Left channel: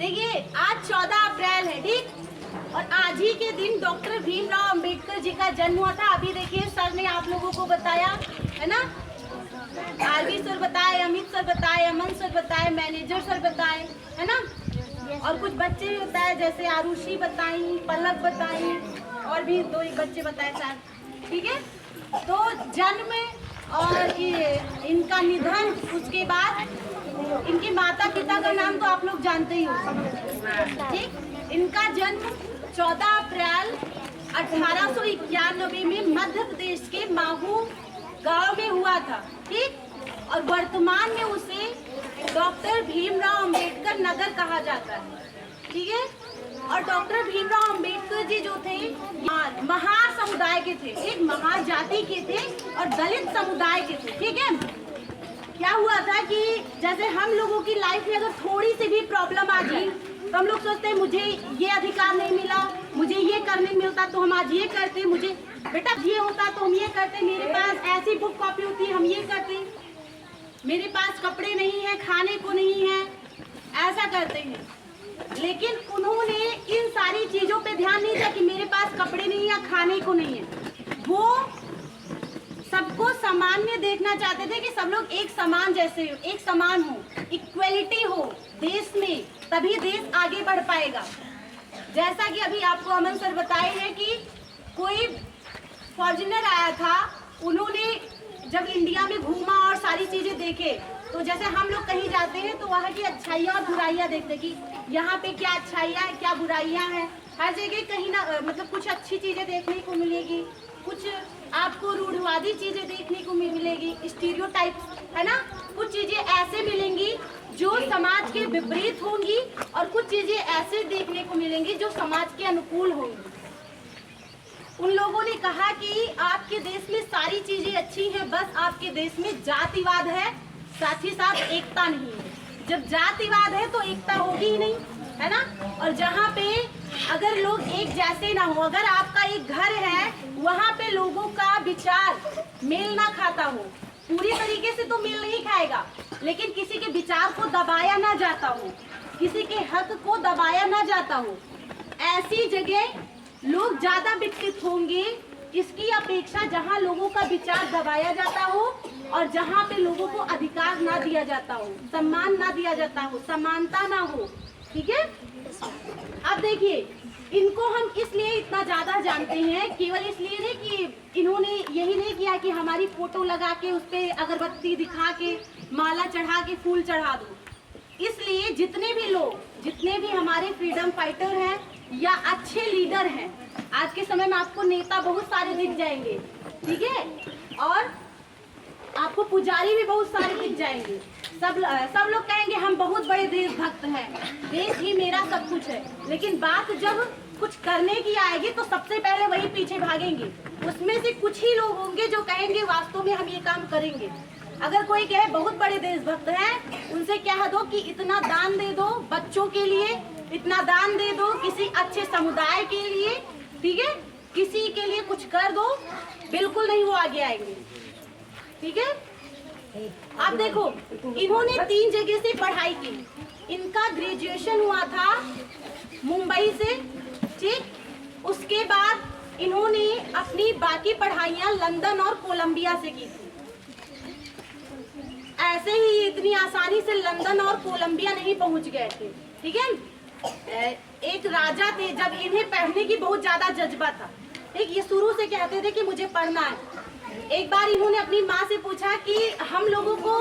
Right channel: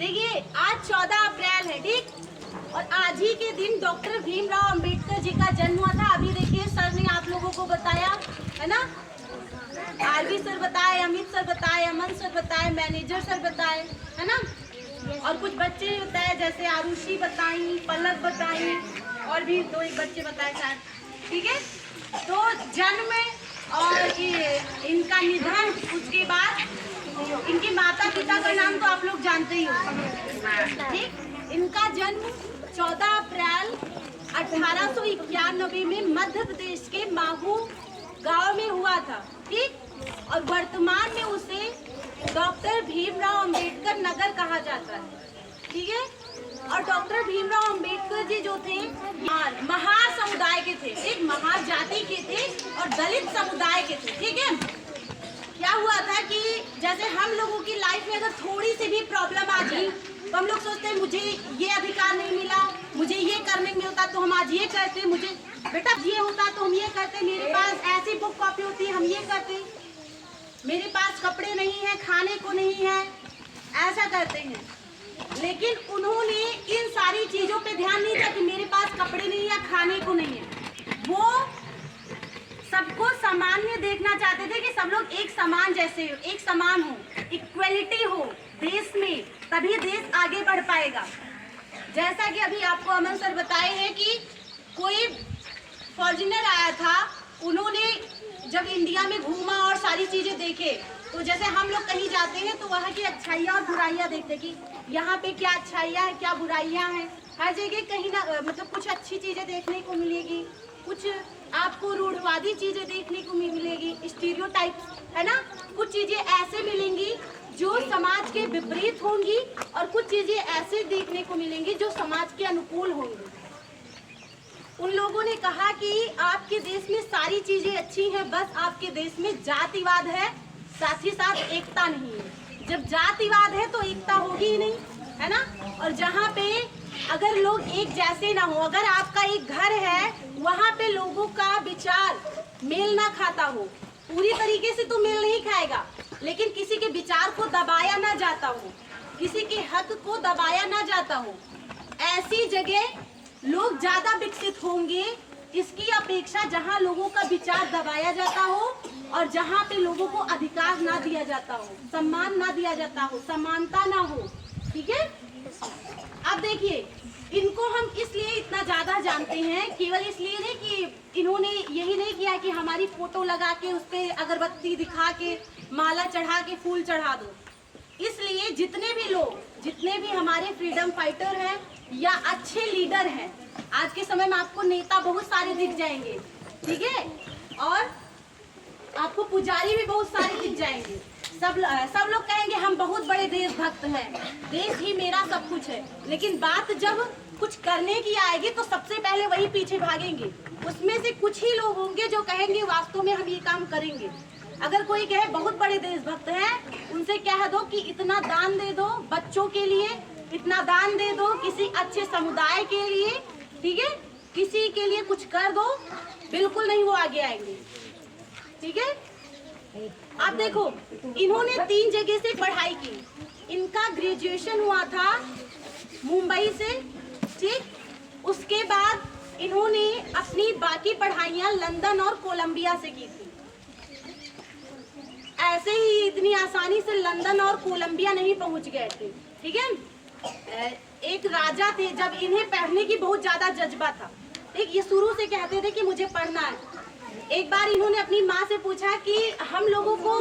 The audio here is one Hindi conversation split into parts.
देखिए आज 14 अप्रैल है, ठीक, और आज ही के दिन डॉक्टर भीमराव अंबेडकर जी का जन्म हुआ था। अभी देखिए सर ने आप लोगों को बताया है ना, आरवी सर बताए, अमित सर बताए, अमन सर बताए, मैनेजर सर बताए, है ना, और कुछ बच्चे बताए जैसे आरुषि बताई, पलक बताई, और भी दो एक बच्चे बताए शायद, ठीक है। तो जन्म और ये इनका निधन, उसके बाद इनके माता पिता का नाम तो आप लोग जानते ही हो, ठीक। इनका जन्म 14 अप्रैल 1891 में मध्य प्रदेश के माहू गांव में हुआ था, ठीक, और वर्तमान में उसे डॉक्टर भीमराव अंबेडकर नगर कहा जाता है, ठीक है। और डॉक्टर भीमराव अंबेडकर जी जो थे महार समुदाय के थे, एक महार जाति के थे और दलित समुदाय के थे, ठीक है। क्या हुआ था कि जैसे हम लोगों की लाइफ में अगर थोड़ी सी भी प्रॉब्लम आ जाए तो हम लोग सोचते हैं मुझे ये अधिकार नहीं मिला, मुझे ये करने मिलता तो हम आज ये करते, मुझे बेटा ये होता तो हम ये करते, मेरे पास ऐसी बुक कॉपी होती है हम ये करते, मेरे पास कपड़े नहीं है, खाने को नहीं है, ऐसा करते हैं। लेकिन उन्होंने इन सारी चीजों पे ध्यान नहीं दिया कि मेरे पास कपड़े नहीं है, खाने को नहीं है। वो सबको सामान्य देखना चाहते थे कि सब लोग एक समान जैसे हो, एक समान हो, इक्वलिटी हो देश में, तभी देश आगे बढ़ पाएगा। जैसा कि अभी आपको अमन सर बताए हैं कि कोई फॉर्च्यूनर आया था, उन्होंने जब इंडिया में घूमा और सारी चीजें देखे, तो जैसे हम लोग कहीं जाते हैं तो वहाँ की अच्छाइयाँ और बुराइयाँ देखते कि यहाँ पे क्या अच्छाइयाँ है, क्या बुराइयाँ हैं। हर जगह कहीं ना मतलब कुछ अच्छी चीजें देखने को मिलेगी, कुछ आपको रूढ़वादी चीजें देखने को मिलेगी, स्टीरियोटाइप, है ना, कुछ चीजें ऐसे मिलेंगी जो समाज के विपरीत होंगी और कुछ चीजें ऐसे देखने को मिलेंगी जो समाज के अनुकूल होंगी। उन लोगों ने कहा कि आपके देश में सारी चीजें अच्छी हैं, बस आपके देश में जातिवाद है, साथ ही साथ एकता नहीं है। जब जातिवाद है तो एकता होगी ही नहीं, है ना। और जहाँ पे अगर लोग एक जैसे ना हो, अगर आपका एक घर है वहाँ पे लोगों का विचार मेल ना खाता हो, पूरी तरीके से तो मेल नहीं खाएगा, लेकिन किसी के विचार को दबाया ना जाता हो, किसी के हक को दबाया ना जाता हो, ऐसी जगह लोग ज्यादा विकसित होंगे इसकी अपेक्षा जहाँ लोगों का विचार दबाया जाता हो और जहाँ पे लोगों को अधिकार ना दिया जाता हो, सम्मान ना दिया जाता हो, समानता ना हो, ठीक है। अब देखिए इनको हम इसलिए इतना ज्यादा जानते हैं, केवल इसलिए नहीं कि इन्होंने यही नहीं किया कि हमारी फोटो लगा के उस पे अगरबत्ती दिखा के माला चढ़ा के फूल चढ़ा दो। इसलिए जितने भी लोग, जितने भी हमारे फ्रीडम फाइटर हैं या अच्छे लीडर हैं, आज के समय में आपको नेता बहुत सारे दिख जाएंगे, ठीक है, और आपको पुजारी भी बहुत सारे दिख जाएंगे। सब लोग कहेंगे हम बहुत बड़े देशभक्त हैं, देश ही मेरा सब कुछ है, लेकिन बात जब कुछ करने की आएगी तो सबसे पहले वही पीछे भागेंगे। उसमें से कुछ ही लोग होंगे जो कहेंगे वास्तव में हम ये काम करेंगे। अगर कोई कहे बहुत बड़े देशभक्त हैं, उनसे कह दो कि इतना दान दे दो बच्चों के लिए, इतना दान दे दो किसी अच्छे समुदाय के लिए, ठीक है, किसी के लिए कुछ कर दो, बिल्कुल नहीं वो आगे आएंगे, ठीक है। अब देखो इन्होंने 3 जगह से पढ़ाई की। इनका ग्रेजुएशन हुआ था मुंबई से, ठीक, उसके बाद इन्होंने अपनी बाकी पढ़ाइयाँ लंदन और कोलंबिया से की थी। ऐसे ही इतनी आसानी से लंदन और कोलंबिया नहीं पहुंच गए थे, ठीक है। एक राजा थे, जब इन्हें पढ़ने की बहुत ज्यादा जज्बा था, एक ये शुरू से कहते थे कि मुझे पढ़ना है। एक बार इन्होंने अपनी माँ से पूछा कि हम लोगों को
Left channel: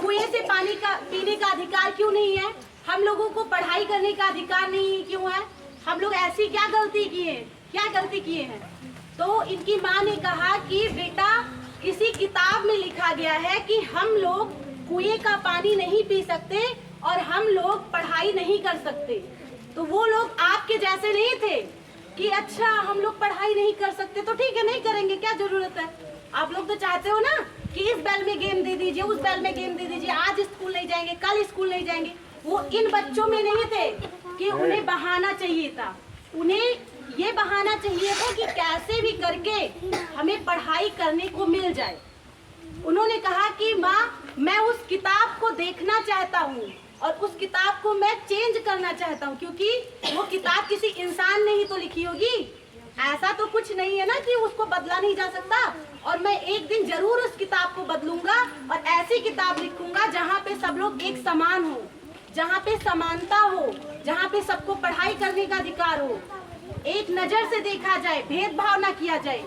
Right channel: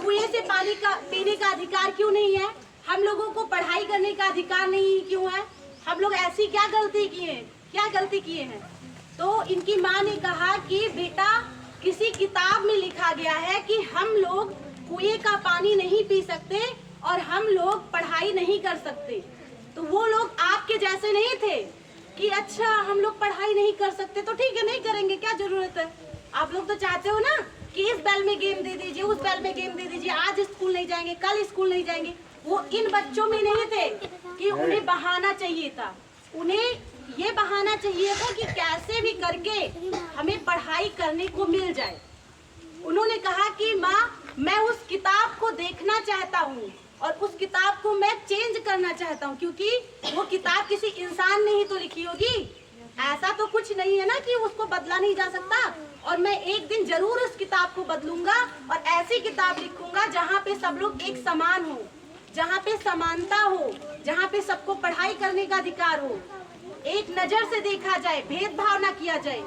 कुएं से पानी का पीने का अधिकार क्यों नहीं है, हम लोगों को पढ़ाई करने का अधिकार नहीं क्यों है, हम लोग ऐसी क्या गलती किए हैं। तो इनकी माँ ने कहा कि बेटा किसी किताब में लिखा गया है कि हम लोग कुएं का पानी नहीं पी सकते और हम लोग पढ़ाई नहीं कर सकते। तो वो लोग आपके जैसे नहीं थे कि अच्छा हम लोग पढ़ाई नहीं कर सकते तो ठीक है नहीं करेंगे, क्या जरूरत है। आप लोग तो चाहते हो ना कि इस बैल में गेम दे दीजिए, उस बैल में गेम दे दीजिए, आज स्कूल नहीं जाएंगे, कल स्कूल नहीं जाएंगे। वो इन बच्चों में नहीं थे कि उन्हें बहाना चाहिए था, उन्हें ये बहाना चाहिए था कि कैसे भी करके हमें पढ़ाई करने को मिल जाए। उन्होंने कहा कि माँ मैं उस किताब को देखना चाहता हूँ और उस किताब को मैं चेंज करना चाहता हूँ, क्योंकि वो किताब किसी इंसान ने ही तो लिखी होगी, ऐसा तो कुछ नहीं है ना कि उसको बदला नहीं जा सकता। और मैं एक दिन जरूर उस किताब को बदलूंगा और ऐसी किताब लिखूंगा जहाँ पे सब लोग एक समान हो, जहाँ पे समानता हो, जहाँ पे सबको पढ़ाई करने का अधिकार हो, एक नजर से देखा जाए, भेदभाव ना किया जाए।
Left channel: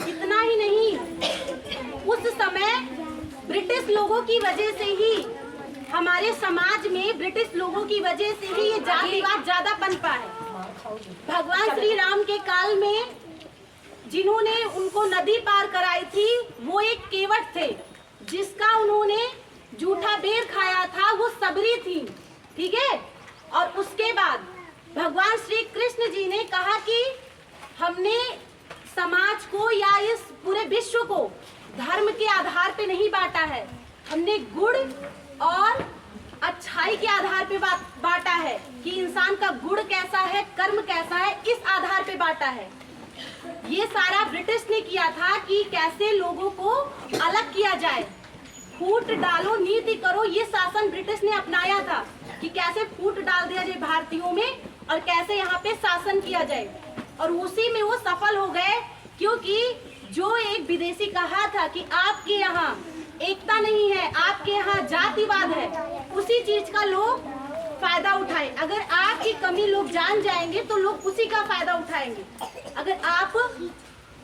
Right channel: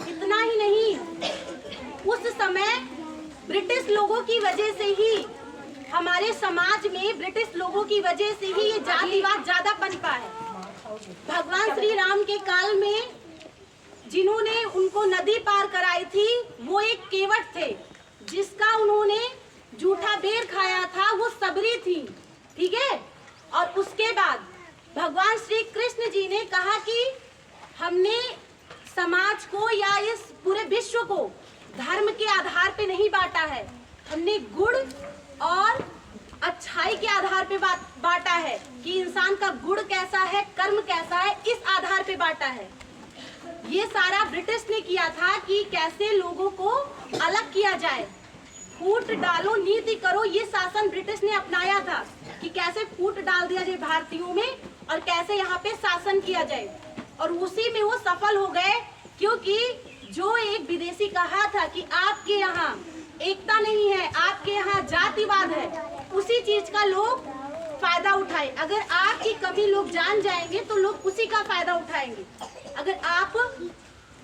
इतना ही नहीं, उस समय ब्रिटिश लोगों की वजह से ही हमारे समाज में, ब्रिटिश लोगों की वजह से ही ये जातिवाद ज्यादा पनपा है। भगवान श्री राम के काल में जिन्होंने उनको नदी पार कराई थी वो एक केवट थे, जिसका उन्होंने जूठा बेर खाया था, वो सबरी थी, ठीक है। और उसके बाद भगवान श्री कृष्ण जी ने कहा कि हमने समाज को या इस पूरे विश्व को धर्म के आधार पे नहीं बांटा है, हमने गुण और अच्छाई के आधार पे बांटा है कि इंसान का गुण कैसा है, कर्म कैसा है, इस आधार पे बांटा है। ये सारा ब्रिटिश ने किया था कि कैसे लोगों को अलग किया जाए, फूट डालो नीति करो, ये शासन ब्रिटिश ने अपनाया था कि कैसे फूट डाल दिया जाए भारतीयों में और कैसे यहाँ पे शासन किया जाए। और उसी में वो सफल हो गए, क्योंकि जो एक विदेशी कहा था कि आपके यहाँ एकता नहीं है, आपके यहाँ जातिवाद है, उसी चीज का लोग फायदा उठाए। अगर आपकी कमी लोग जान जाएंगे तो लोग उसी का फायदा उठाएंगे। अगर आप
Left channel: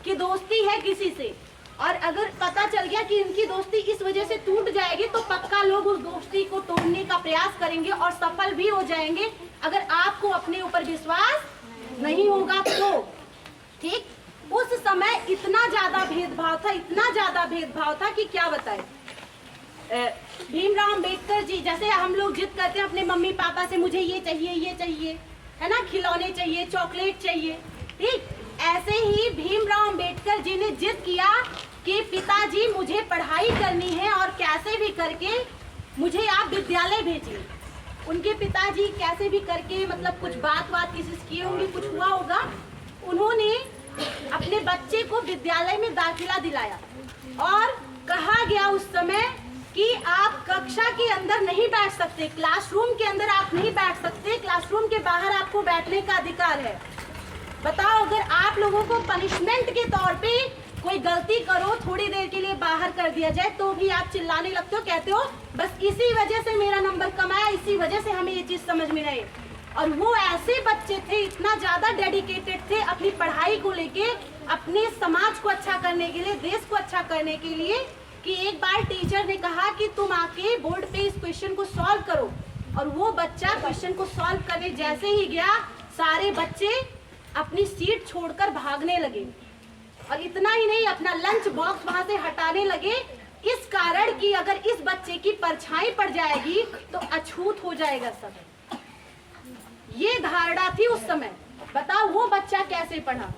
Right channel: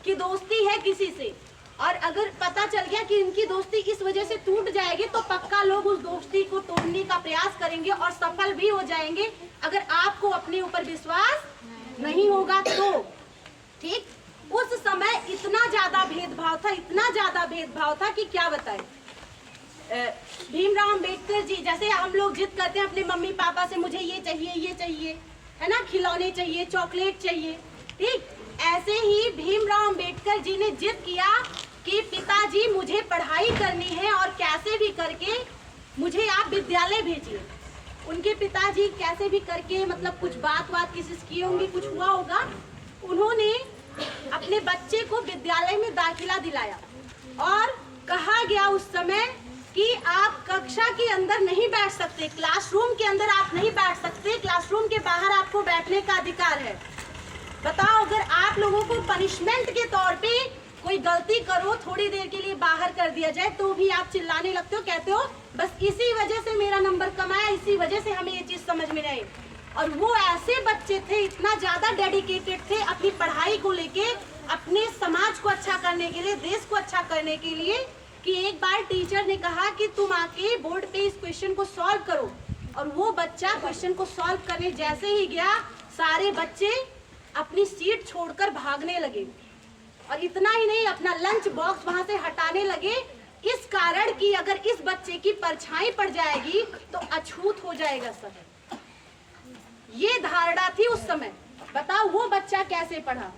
की दोस्ती है किसी से और अगर पता चल गया कि इनकी दोस्ती इस वजह से टूट जाएगी, तो पक्का लोग उस दोस्ती को तोड़ने का प्रयास करेंगे और सफल भी हो जाएंगे, अगर आपको अपने ऊपर विश्वास नहीं होगा तो, ठीक। उस समय इतना ज्यादा भेदभाव था, इतना ज्यादा भेदभाव था कि क्या बताएं। भीमराव अंबेडकर जी, जैसे हम लोग जिद करते हैं अपने मम्मी पापा से, मुझे ये चाहिए, है ना, खिलौने चाहिए, चॉकलेट चाहिए, ठीक। ऐसे ही भीमराव अंबेडकर जी ने जिद किया कि पिताजी मुझे पढ़ाई करनी है और कैसे भी करके मुझे आप विद्यालय भेजिए। उनके पिताजी कैसे भी करके, मतलब कुछ बात किसी से किए होंगे, कुछ हुआ होगा, उन्होंने अपने बच्चे को विद्यालय में दाखिला दिलाया और कहा गया उस समय कि आप कक्षा के अंदर नहीं बैठ सकते, क्लासरूम के अंदर आप नहीं बैठ सकते, क्लासरूम के बाहर आपको बैठने का अधिकार है। बताओ, अगर आप लोगों को पनिशमेंट के तौर पे कोई गलती करो, थोड़ी देर के लिए बाहर कर दिया जाए, तो भी आप चिल्लाने लगते हो, कहते हो बस इसी वजह से मेरा नंबर कम आया, इसी वजह से हमें ये चीज समझ में नहीं। और वो ऐसे बच्चे थे, इतना ज्यादा डेडिकेटेड थे अपनी पढ़ाई को लेके, अपने समाज को अच्छा करने के लिए, देश को अच्छा करने के लिए, कि एक बार टीचर ने कहा कि तुम आके बोर्ड पे इस क्वेश्चन को सॉल्व करो। और वो बच्चा क्वेश्चन को सॉल्व करने जैसे ही गया, सारे बच्चे अपनी सीट छोड़कर भागने लगे और इतना ही नहीं, अपना लंच बॉक्स वहां से हटाने लगे, इस कारण कि अगर इस बच्चे की परछाई पड़ जाएगी तो अछूत हो जाएगा सब। ये धारणा थी उस समय। बताओ वो बच्चा कैसे पढ़ा।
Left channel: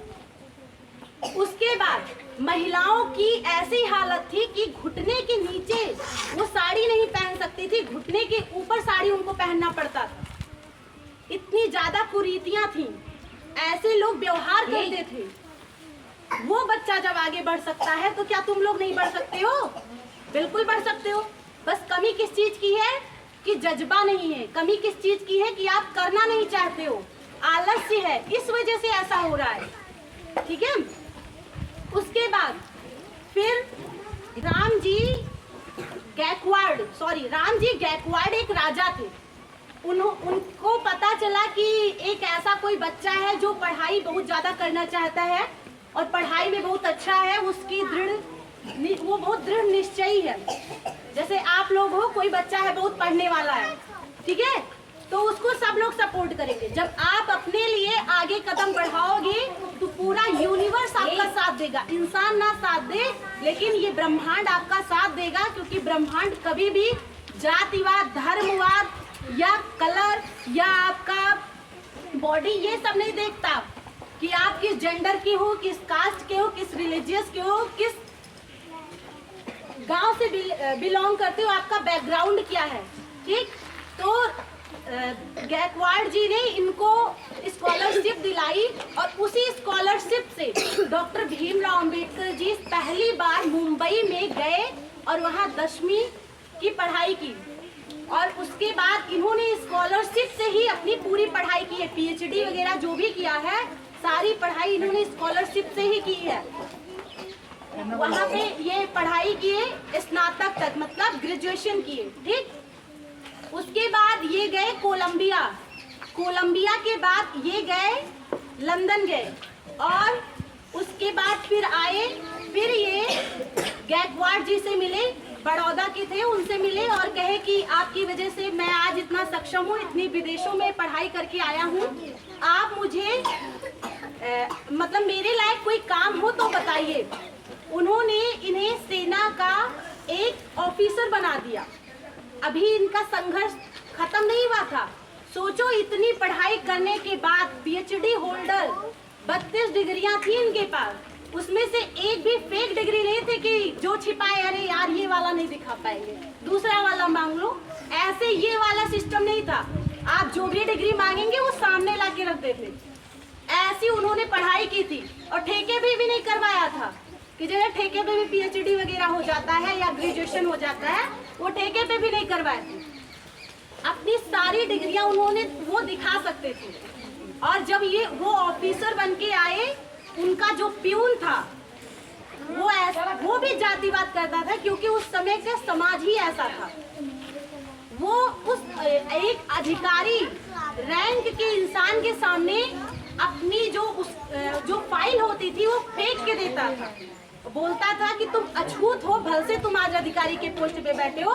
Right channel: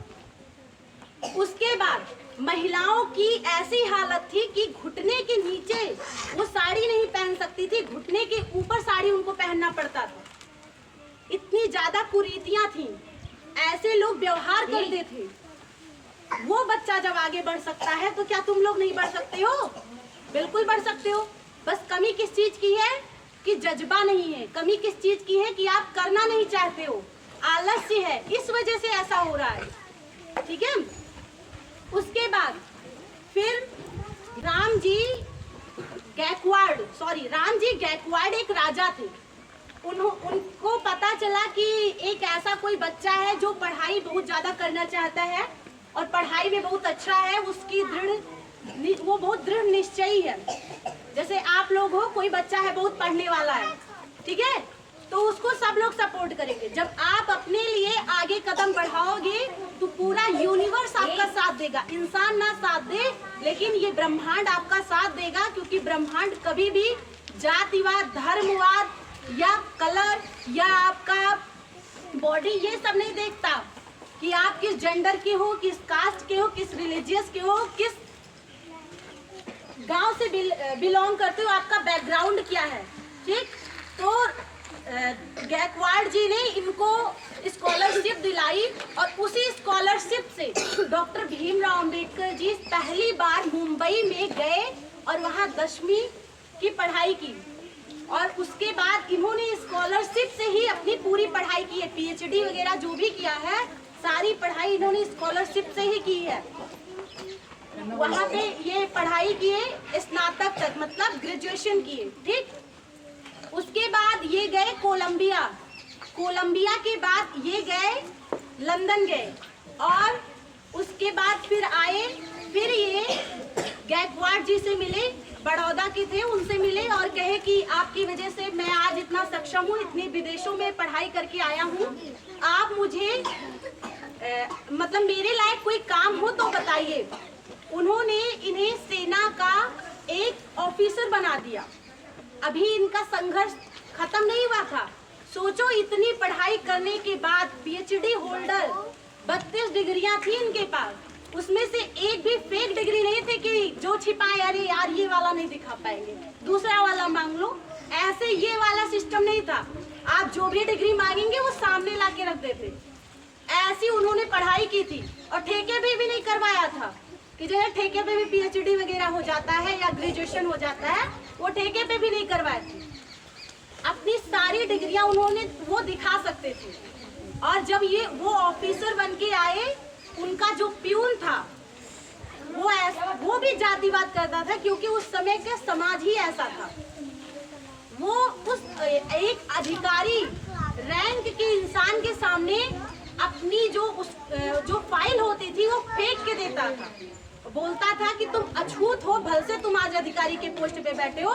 उसके बाद महिलाओं की ऐसी हालत थी कि घुटने के नीचे वो साड़ी नहीं पहन सकती थी, घुटने के ऊपर साड़ी उनको पहनना पड़ता था। इतनी ज्यादा कुरीतियां थी, ऐसे लोग व्यवहार करते थे। वो बच्चा जब आगे बढ़ सकता है तो क्या तुम लोग नहीं बढ़ सकते हो? बिल्कुल बढ़ सकते हो। बस कमी किस चीज की है कि जज्बा नहीं है, कमी किस चीज की है कि आप करना नहीं चाहते हो, आलस्य है, इस वजह से ऐसा हो रहा है, ठीक है। उसके बाद फिर राम जी गैकवाड़ एक राजा थे। उनको पता चला कि एक ऐसा कोई बच्चा है जो पढ़ाई बहुत ज्यादा करना चाहता है और पढ़ाई में बहुत अच्छा है, उसकी वो बहुत दृढ़ निश्चयी है। जैसे आप लोग हो, कोई बच्चा है बहुत पढ़ने वाला है, ठीक है, तो उसको सब लोग सपोर्ट करेंगे। जब आप अपने लिए आगे कदम बढ़ाओगे तो पूरा यूनिवर्स आपका साथ देगा। इंसान ना साथ दे, लेकिन ये ब्रह्मांड आपका साथ देगा, क्योंकि ब्रह्मांड कभी भी जातिवाद, धर्मवाद या कलर या आपका बॉडी ये सब नहीं देखता कि आप किस जेंडर के हो, किस कास्ट के हो, किस रिलीजियस के हो, किस गांव से बिलोंग करते हो, आपका बैकग्राउंड क्या है, ठीक। तो गैकवाड़ जी ने इनको स्कॉलरशिप दिलाई और उसी स्कॉलरशिप से डॉक्टर भीमराव अंबेडकर जी पहली बार मुंबई में गए और वहां 10वीं की पढ़ाई की। और उसके बाद इन्होंने स्कॉलरशिप से ही अपनी पूरी पढ़ाई की है। पीएचडी वगैरह जो भी किया है, सारी पढ़ाई इन्होंने स्कॉलरशिप से ही की है। वहाँ पे ये पढ़ाई किए स्नातक तक, मतलब ग्रेजुएशन किए, ठीक। उसके बाद ये गए कोलंबिया। कोलंबिया के बाद ये गए लंदन गए, और उसके बाद फिर आए, फिर ये गायकवाड़ जी से मिले, बड़ौदा के थे, उनसे मिले और कहे कि आपकी वजह से मैं आज इतना सक्षम हूँ, इतनी विदेशों में पढ़ाई करके आया हूँ, आप मुझे मतलब मेरे लायक कोई काम हो तो बताइए। उन्होंने इन्हें सेना का एक ऑफिसर बना दिया। अभी इनका संघर्ष खत्म नहीं हुआ था। सोचो, इतनी पढ़ाई करने के बाद पीएचडी होल्डर, 32 डिग्रियां थी इनके पास, उसमें से एक भी फेक डिग्री नहीं थी कि जो छिपाए, अरे यार ये वाला नहीं दिखा पाएंगे, दूसरा वाला मांग लो, ऐसे ये वाला सिस्टम नहीं था। आप जो भी डिग्री मांगेंगे वो सामने ला के रख देते। ऐसी उन्होंने पढ़ाई की थी, और ठेके पे भी नहीं करवाया था कि जैसे ठेके पे भी पीएचडी वगैरह हो जाता है या ग्रेजुएशन हो जाता है, वो ठेके पे भी नहीं करवाए थे। अपनी सारी डिग्रियां उन्होंने वो दिखा सकते थे। और जब ये वो ऑफिसर बन के आए, उनका जो प्यून था वो भी जातिवाद करता था, क्योंकि उस समय का समाज ही ऐसा था। वो उस एक अधिकारी रैंक के इंसान के सामने अपनी जो फाइल होती थी वो फेंक के देता था, बोलता था कि तुम अछूत हो, भल से तुम आज अधिकारी के पोस्ट पे बैठे हो,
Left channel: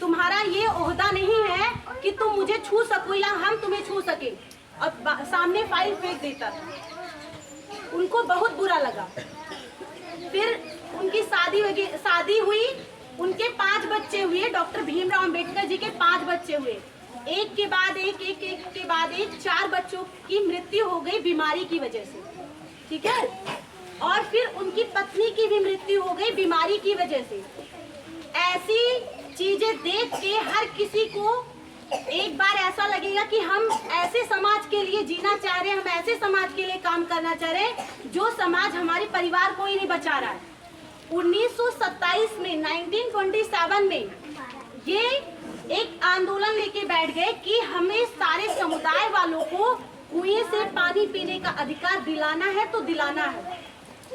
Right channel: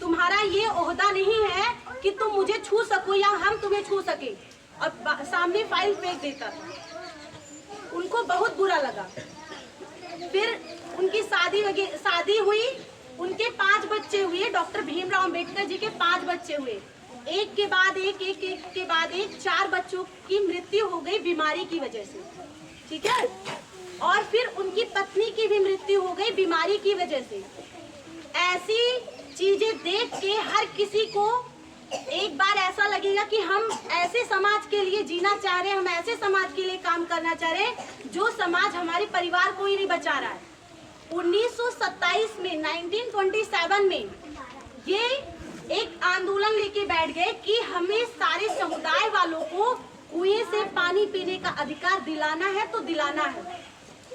तुम्हारा ये ओहदा नहीं है कि तुम मुझे छू सको या हम तुम्हें छू सके, और सामने फाइल फेंक देता था। उनको बहुत बुरा लगा। फिर उनकी शादी हुई, उनके 5 बच्चे हुए। डॉक्टर भीमराव अंबेडकर जी के 5 बच्चे हुए, एक के बाद एक, एक के बाद एक, 4 बच्चों की मृत्यु हो गई बीमारी की वजह से, ठीक है। और फिर उनकी पत्नी की भी मृत्यु हो गई बीमारी की वजह से। ऐसी चीजें देख के हर किसी को एक बार ऐसा लगेगा कि हम ऐसे समाज के लिए जीना चाह रहे हैं, हम ऐसे समाज के लिए काम करना चाह रहे हैं जो समाज हमारे परिवार को ही नहीं बचा रहा है। 1927 में 1927 में ये एक आंदोलन लेके बैठ गए कि हमें सारे समुदाय वालों को कुएं से पानी पीने का अधिकार दिलाना है तो दिलाना है।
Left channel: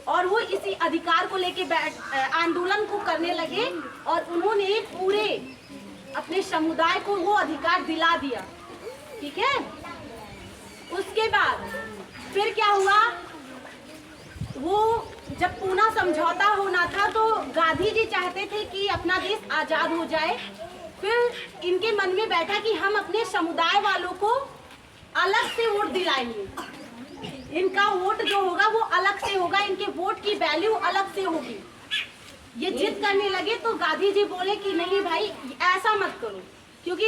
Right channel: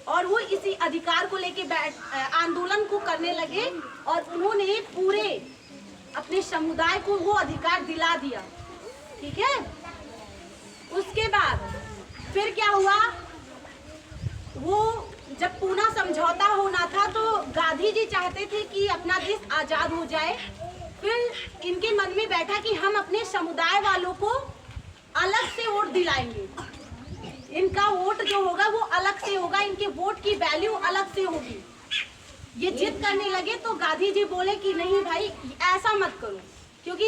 और वो इसी अधिकार को लेके आंदोलन को करने लगे, और उन्होंने पूरे अपने समुदाय को वो अधिकार दिला दिया, ठीक है। उसके बाद फिर क्या हुआ, वो जब पूना समझौता होना था तो गांधी जी चाहते थे कि अपना देश आजाद हो जाए। फिर इनके मन में बैठा कि हम अपने समुदाय वालों को अलग से वोट दिलाएंगे, इनका वोट जो होगा वो अलग से होगा, इनके वोट की वैल्यू अलग से होगी। ये जिद करने लगे तो गांधी जी बोले कि नहीं भाई, ऐसा मत करो, क्योंकि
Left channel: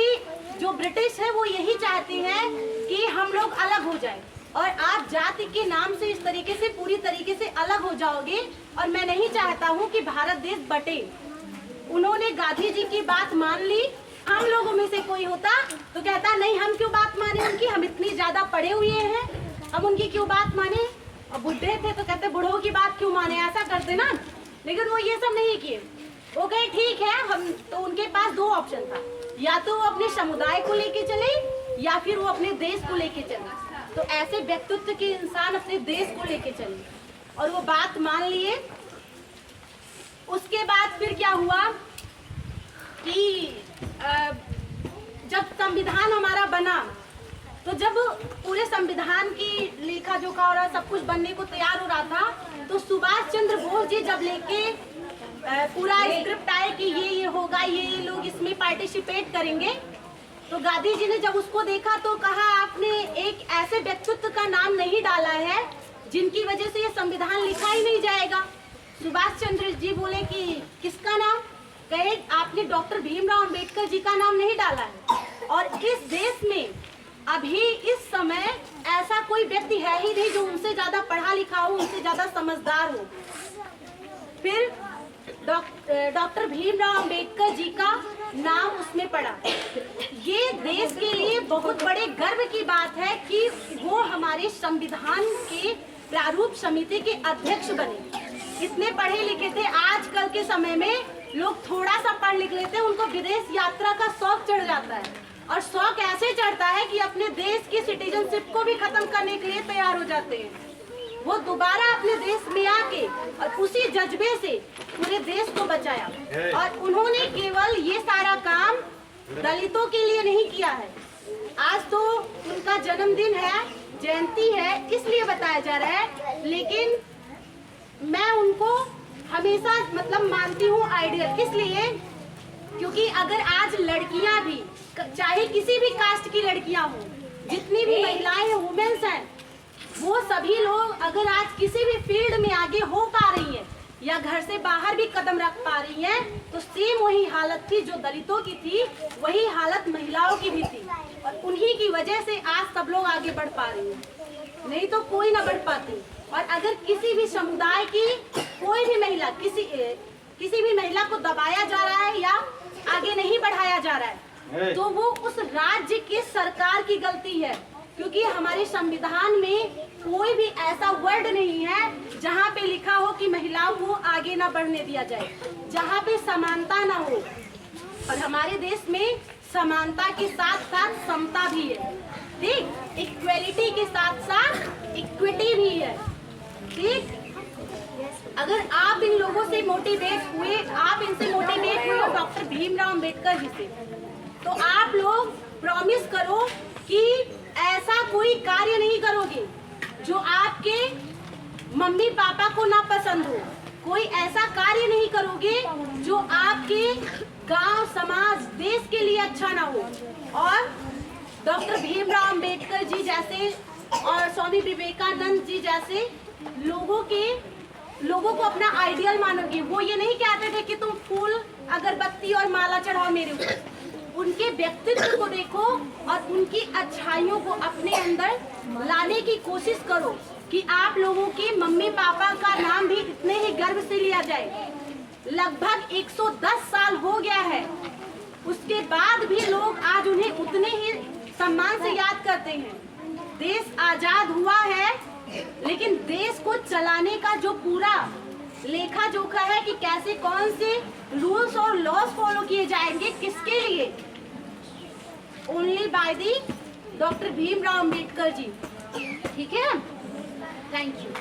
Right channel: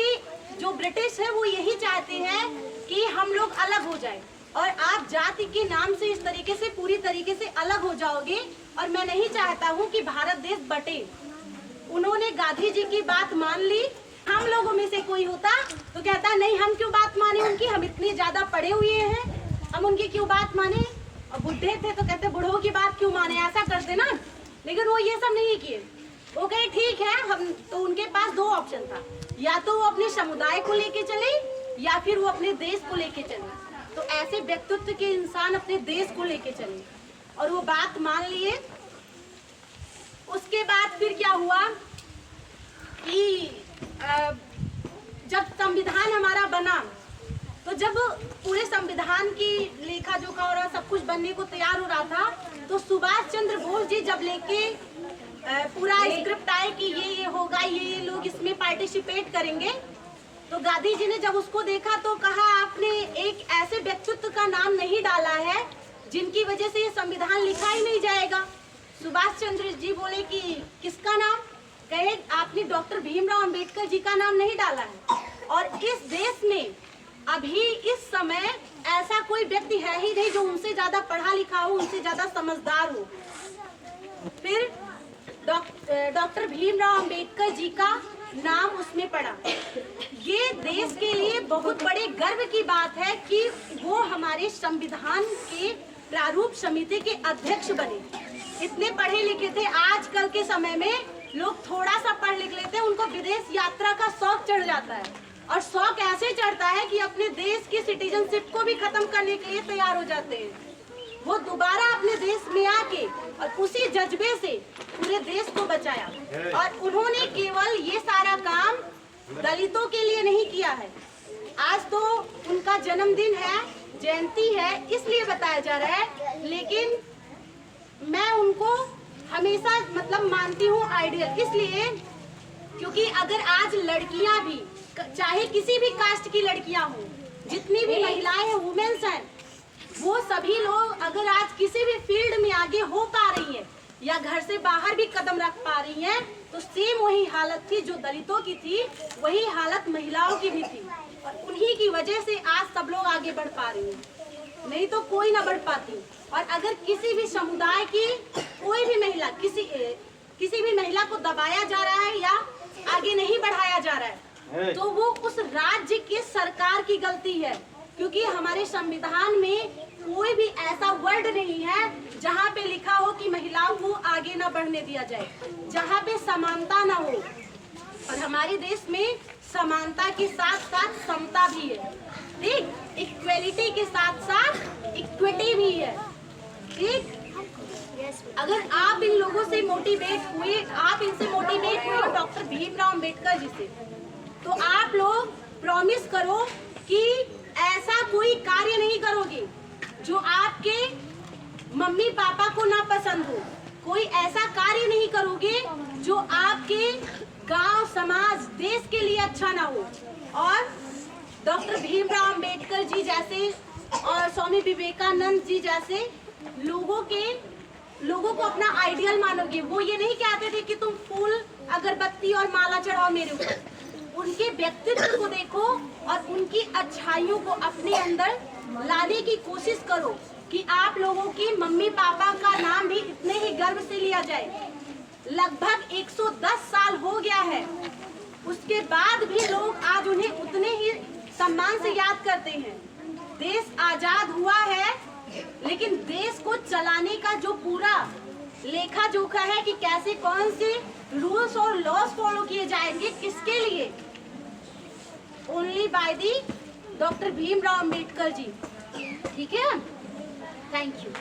जो ब्रिटिश है वो यही चाहते हैं कि हम लोग अलग हो जाए, और आप जाति के नाम से इस तरीके से पूरी तरीके से अलग हो जाओगे, और मैं नहीं चाहता हूँ कि भारत देश बटे। उन्होंने गांधी जी की बात मान ली। हम लोगों में से कोई होता तो कहता नहीं, हम क्यों बात माने उनकी, हम इतनी ज्यादा पढ़े हुए हैं, हम उनकी क्यों बात माने। और बुढ़े थे तो कहते बूढ़ों की बात क्यों माने, ऐसा करते ना। लेकिन वो ये सब नहीं किए। वो कहे ठीक है, हम तो उनके पास 2 ऑप्शन था, या तो वो अपने समुदाय को लेके चले या फिर वो अपने देश को लेके चले। तो ऐसे व्यक्तित्व के इंसान अपने देश को लेके चले, और वो बात मान लिए। उसके बाद फिर क्या हुआ कि जब संविधान हमारा बना, तो जब पूरे संविधान की लेखा जोखा और सब कुछ बनने को तैयार हो रहा था, तो सुभाष चंद्र बोस जी जब लेके पूरा स्क्रिप्ट आए कि ये होगा, ये लोग इसमें पार्टिसिपेट करेंगे, तो गांधी जी ने जब उसको देखा तो कहा आपने एक ऐसे व्यक्तित्व का नाम नहीं डाला है जिनकी वजह से ये संविधान लिखा ही नहीं जाएगा। सुभाष चंद्र जी बोले कि किसका नाम, कहे आपने डॉक्टर भीमराव अंबेडकर जी का नाम नहीं डाला है, और इस देश में अभी इस समय ऐसा कोई व्यक्ति है ही नहीं जो उनसे ज्यादा पढ़ा लिखा हो, उनसे ज्यादा समझदार हो। फिर डॉक्टर भीमराव अंबेडकर जी का नाम उसमें पड़ा। ये देश के लिए बहुत बड़े गर्व की बात है कि वो हमारे संविधान के प्रारूप समिति के अध्यक्ष बने। इतने पढ़े लिखे थे। आजकल के समय में लोग थोड़ा सा पढ़ लिख लेते हैं, उनको विदेश यात्रा का शौक चढ़ जाता है, और शौक ऐसे चढ़ता है कि अपने देश की सिटीजनशिप को भी खत्म करने के लिए तैयार हो जाते हैं। वो दोबारा अपने देश में आके और उसी जज्बे से पूरे देश को बचाया, और उन्होंने केवल ये सारा काम दलितों के लिए नहीं किया है। आज तो उनका जन्मदिन है, जयंती है, इसलिए बताया जा रहा है, लेकिन मैं उनको हमेशा मतलब मानती हूँ आइडियल, इसलिए क्योंकि अगर आज लड़कियां भी, चाहे किसी भी कास्ट की लड़कियां हो, जितनी भी महिलाएं हैं, वुमेन्स हैं, वो सभी लोग अगर आज किसी भी फील्ड में आगे हो पा रही हैं या घर से बाहर भी कदम रख पा रही हैं, तो सेम वही हालत थी जो दलितों की थी, वही हालत महिलाओं की भी थी, और उन्हीं की वजह से आज सब लोग आगे बढ़ पा रही हैं, नहीं तो कोई ना बढ़ पाती। और अगर किसी भी समुदाय की कोई भी महिला, किसी भी महिला को दबाया जा रहा है या आगे नहीं बढ़ाया जा रहा है, तो वो उस राज्य की सरकार की गलती है, क्योंकि हमारे संविधान में कोई भी ऐसा वर्ड नहीं है जहाँ पे लिखा हो कि महिलाओं को आगे ना बढ़ने दिया जाए, जहाँ पे समानता ना हो। और हमारे देश में समानता के साथ साथ समता भी है, ठीक, इक्वेलिटी के साथ साथ इक्विटी भी है, ठीक। अगर आप इन लोगों से मोटिवेट हुए, आप इनसे मोटिवेट हुए डॉक्टर भीमराव अंबेडकर जी से, तो आप लोग प्रॉमिस करो कि ऐसा कोई कार्य नहीं करोगे जो आपके मम्मी पापा को ना पसंद हो, कोई ऐसा कार्य नहीं करोगे जो आपके गांव, समाज, देश के लिए अच्छा ना हो। और डॉक्टर भीमराव अंबेडकर जी जैसे और स्वामी विवेकानंद जी जैसे लोगों को अपना आइडियल मानोगे। वो ये नहीं कहते थे कि तुम फूल, अगरबत्ती और माला चढ़ाओ मेरे ऊपर, उनके व्यक्तित्व को देखो और उनकी अच्छाइयों को अपने अंदर लाने की कोशिश करो कि आप लोगों के मम्मी पापा का नाम भी इतने ही गर्व से लिया जाए। लगभग 110 साल हो गया है, उसके बाद भी लोग आज उन्हें उतने ही सम्मान से याद करते हैं। देश आजाद हुआ है, लेकिन देश को चलाने का जो पूरा लेखा जोखा है कि कैसे कौन से रूल्स और लॉज फॉलो किए जाएंगे, किसके लिए, only by the doctor Bhimrao Ambedkar ji, ठीक है। Thank you.